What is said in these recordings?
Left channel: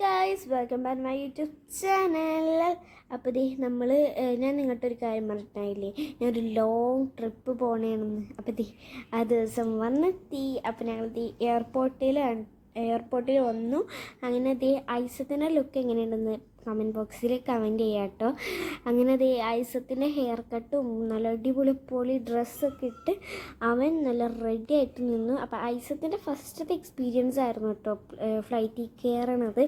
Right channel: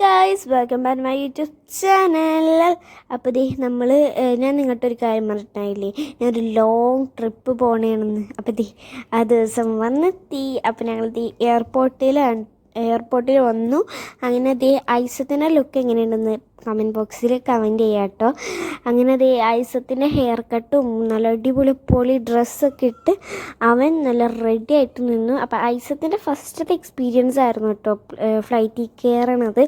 Guys welcome back my YouTube channel അപ്പോൾ ദേ നമ്മൾ ഞാൻ നിങ്ങൾക്കൊരു ഒരു കാര്യം പറഞ്ഞിട്ടായില്ലേ ഞാനൊരു ലോങ് ട്രിപ്പ് പോകണേണെന്ന് അപ്പോൾ ദേ ആ ദിവസം വന്നെത്തി. അപ്പോൾ ഞങ്ങൾ ദേ എയർപോർട്ടിലാണ് എയർപോർട്ടിൽ വന്നു. അങ്ങനെ ദേ ഐസത്തിന്റെ ലുക്ക് എങ്ങനെയുണ്ടെന്ന് കമന്റ് ബോക്സിൽ കമന്റ് ചെയ്യാം കേട്ടോ. അങ്ങനെ ദേ ഐസത്തിന്റെ ഹെയർ കട്ടും നല്ല അടിപൊളി പൊളി ഡ്രസ്സൊക്കെ ഇട്ട് അവൻ നല്ല റെഡി ആയിട്ട് നിന്നു. അപ്പോൾ ഐസത്തിന്റെ ഫസ്റ്റത്തെ എക്സ്പീരിയൻസ് ആയിരുന്നു കേട്ടോ ഫ്ലൈറ്റിൽ കയറണത്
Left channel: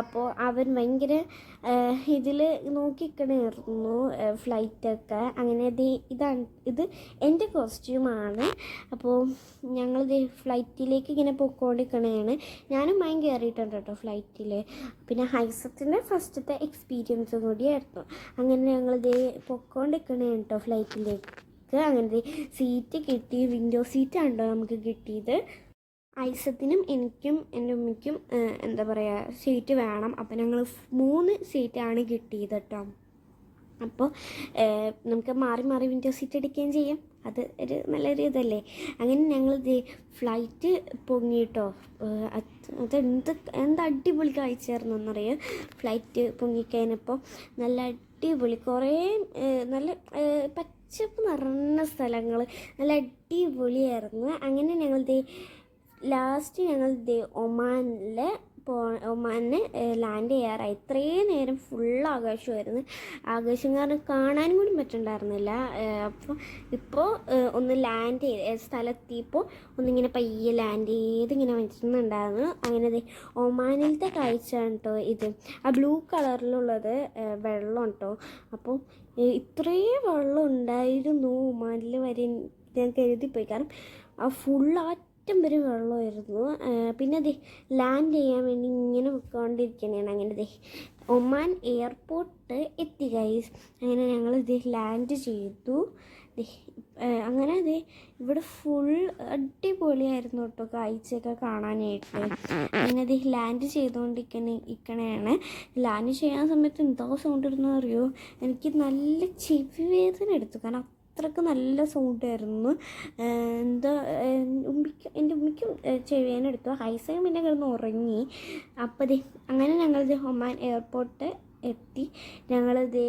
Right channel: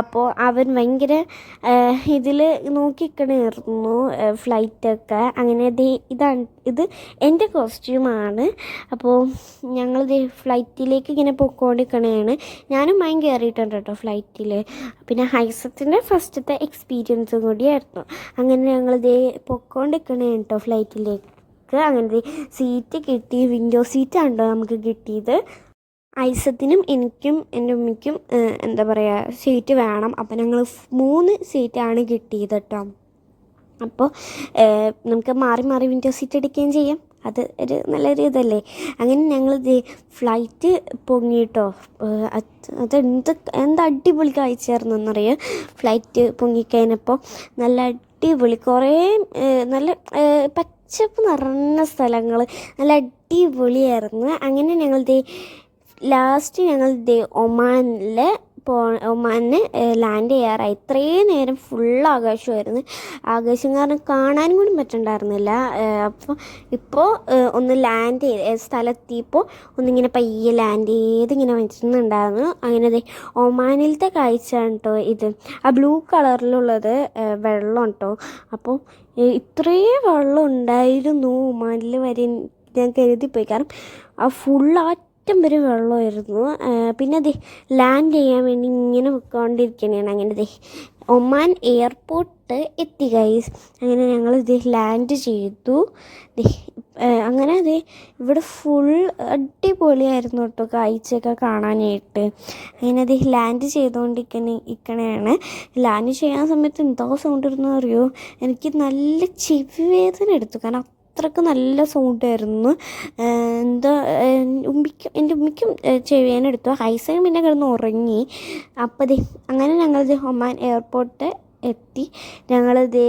അപ്പോൾ അവൻ ഭയങ്കര ഇതിൽ നോക്കിക്കണായിരുന്നു ഫ്ലൈറ്റൊക്കെ അങ്ങനെ ഇതാണ് ഇത് എന്റെ കോസ്റ്റ്യൂമാണ് അപ്പോൾ ഞങ്ങൾ ഫ്ലൈറ്റിലേക്ക് ഇങ്ങനെ പൊക്കോണ്ടിരിക്കണതാണ് ഞാനും മൈൻ കയറിയിട്ടുണ്ട് കേട്ടോ ഫ്ലൈറ്റിൽ പിന്നെ ഹൈസത്തിന്റെ ഫസ്റ്റത്തെ എക്സ്പീരിയൻസും കൂടിയായിരുന്നു. അങ്ങനെ ഞങ്ങൾ ദേ പൊക്കോണ്ടിരിക്കണേ കേട്ടോ ഫ്ലൈറ്റിലേക്ക് അങ്ങനെ സീറ്റ് കിട്ടി വിൻഡോ സീറ്റ് ആണല്ലോ നമുക്ക് കിട്ടിയത്. ഐസത്തിനും എനിക്കും എന്റെ ഉമ്മയ്ക്കും എന്താ പറയുക സീറ്റ് വേണം. അപ്പം ഞങ്ങൾ മൂന്ന് സീറ്റാണ് കിട്ടിയത് കേട്ടോ. അപ്പോൾ നമുക്ക് മാറി മാറി വിൻഡോ സീറ്റ് എടുക്കുകയും ചെയ്യാം. അത് ഒരു നല്ലൊരു ഇതല്ലേ? അങ്ങനെ ഞങ്ങൾ ഫ്ലൈറ്റ് പൊങ്ങിയിട്ടോ അത് എന്ത് എന്ത് അടിപൊളി കാഴ്ചയായിരുന്നു എന്നറിയാം ഫ്ലൈറ്റ് പൊങ്ങിക്കഴിഞ്ഞപ്പോൾ നല്ല അടിപൊളി കുറേ നല്ല പച്ചപ്പ് നിറഞ്ഞ സ്ഥലങ്ങൾ നല്ല അടിപൊളിയായിരുന്നു. അങ്ങനെ ഞങ്ങൾ ലാസ്റ്റ് ഞങ്ങൾ ദേ ഒമാനിൽ പോ ലാൻഡ് ചെയ്യാറായി. ഇത്രയും നേരം ഫുൾ ആകാശമായിരുന്നു. ആകാശം കാരണം കാണാനും കൂടി പറ്റണ്ടായിരുന്നില്ല. അപ്പോൾ ഇപ്പോൾ ഒന്ന് ലാൻഡ് ചെയ്ത് സ്ഥലത്തിയപ്പോൾ ഒന്നിങ്ങനെ പയ്യെ ലാൻഡ് ചെയ്ത് ഇങ്ങനെ വെച്ചിട്ടുണ്ടായിരുന്നു. അങ്ങനെ ഒമാനിലത്തെ കാഴ്ചയാണ് കേട്ടോ ഇത്. ആ ബ്ലൂ കളറിലുള്ളത് വെള്ളം കേട്ടോ അപ്പോൾ ഇത്രയും വെള്ളം ഉണ്ടായിരുന്നു ഒമാനിൽ വരെ ഞാൻ കരുതിപ്പോയി. കാരണം ആ ഫുൾ അറ്റം വരെ വെള്ളമായിരുന്നു. പിന്നെ ദേ ലാൻഡ് ചെയ്യാൻ വേണ്ടി ഇങ്ങനെ പൊയ്ക്കൊണ്ടിരിക്കണേണ് അങ്ങനെ ദേ ഒമാൻ എയർപോർട്ട് എത്തി ഗൈസ് അങ്ങനെ ഞങ്ങൾ ഇത് ലാൻഡ് ചെയ്തു. അങ്ങനെ അതെ ഇവിടെ ഫുൾ അടിപൊളിയായിരുന്നു കേട്ടോ കാഴ്ചയൊക്കെ കാണാനായിട്ട്. അങ്ങനെ ദേ ലാൻഡ് ചെയ്തുകൊണ്ടിരിക്കണ ഇരിക്കണയാണ് ലാൻഡ് ചെയ്യാൻ സമയത്ത് എന്താ സൗണ്ട് ഇരുന്നു അറിയോ? എനിക്ക് നല്ല ചെവി വേദന എടുത്തു. കാരണം അത്രയ്ക്ക് നല്ല സൗണ്ടായിരുന്നു. എന്താ ഉമ്മിക്കും എന്റെ ഉമ്മിക്കും ചെവിയാനെടുത്തു ഹൈസയും പിന്നെ കിടന്ന് ഉറങ്ങി. അപ്പോൾ ദേ അങ്ങനെ ഞങ്ങൾ ദേ ഒമാൻ എയർപോർട്ട് എത്തി. ഞങ്ങൾ ദേ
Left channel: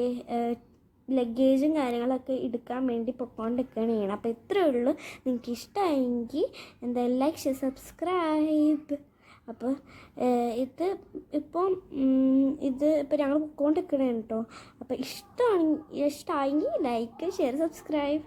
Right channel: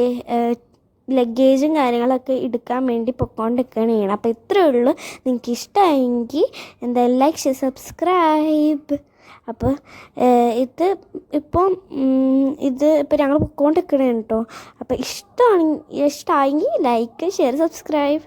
ലഗേജും കാര്യങ്ങളൊക്കെ എടുക്കാൻ വേണ്ടി പൊക്കോണ്ടിരിക്കുകയാണ് അപ്പോൾ ഇത്രയേ ഉള്ളൂ. നിങ്ങൾക്ക് ഇഷ്ടമായെങ്കിൽ എന്തായാലും ലൈക്ക് സബ്സ്ക്രൈബ് അപ്പോൾ ഇത് ഇപ്പം ഉം, ഇത് ഇപ്പോൾ ഞങ്ങൾ പൊക്കോണ്ടിരിക്കണേ കേട്ടോ അപ്പോൾ ഇഷ്ടമാണെങ്കിൽ ഇഷ്ടമായെങ്കിൽ ലൈക്ക് ഷെയർ സബ്സ്ക്രൈബ്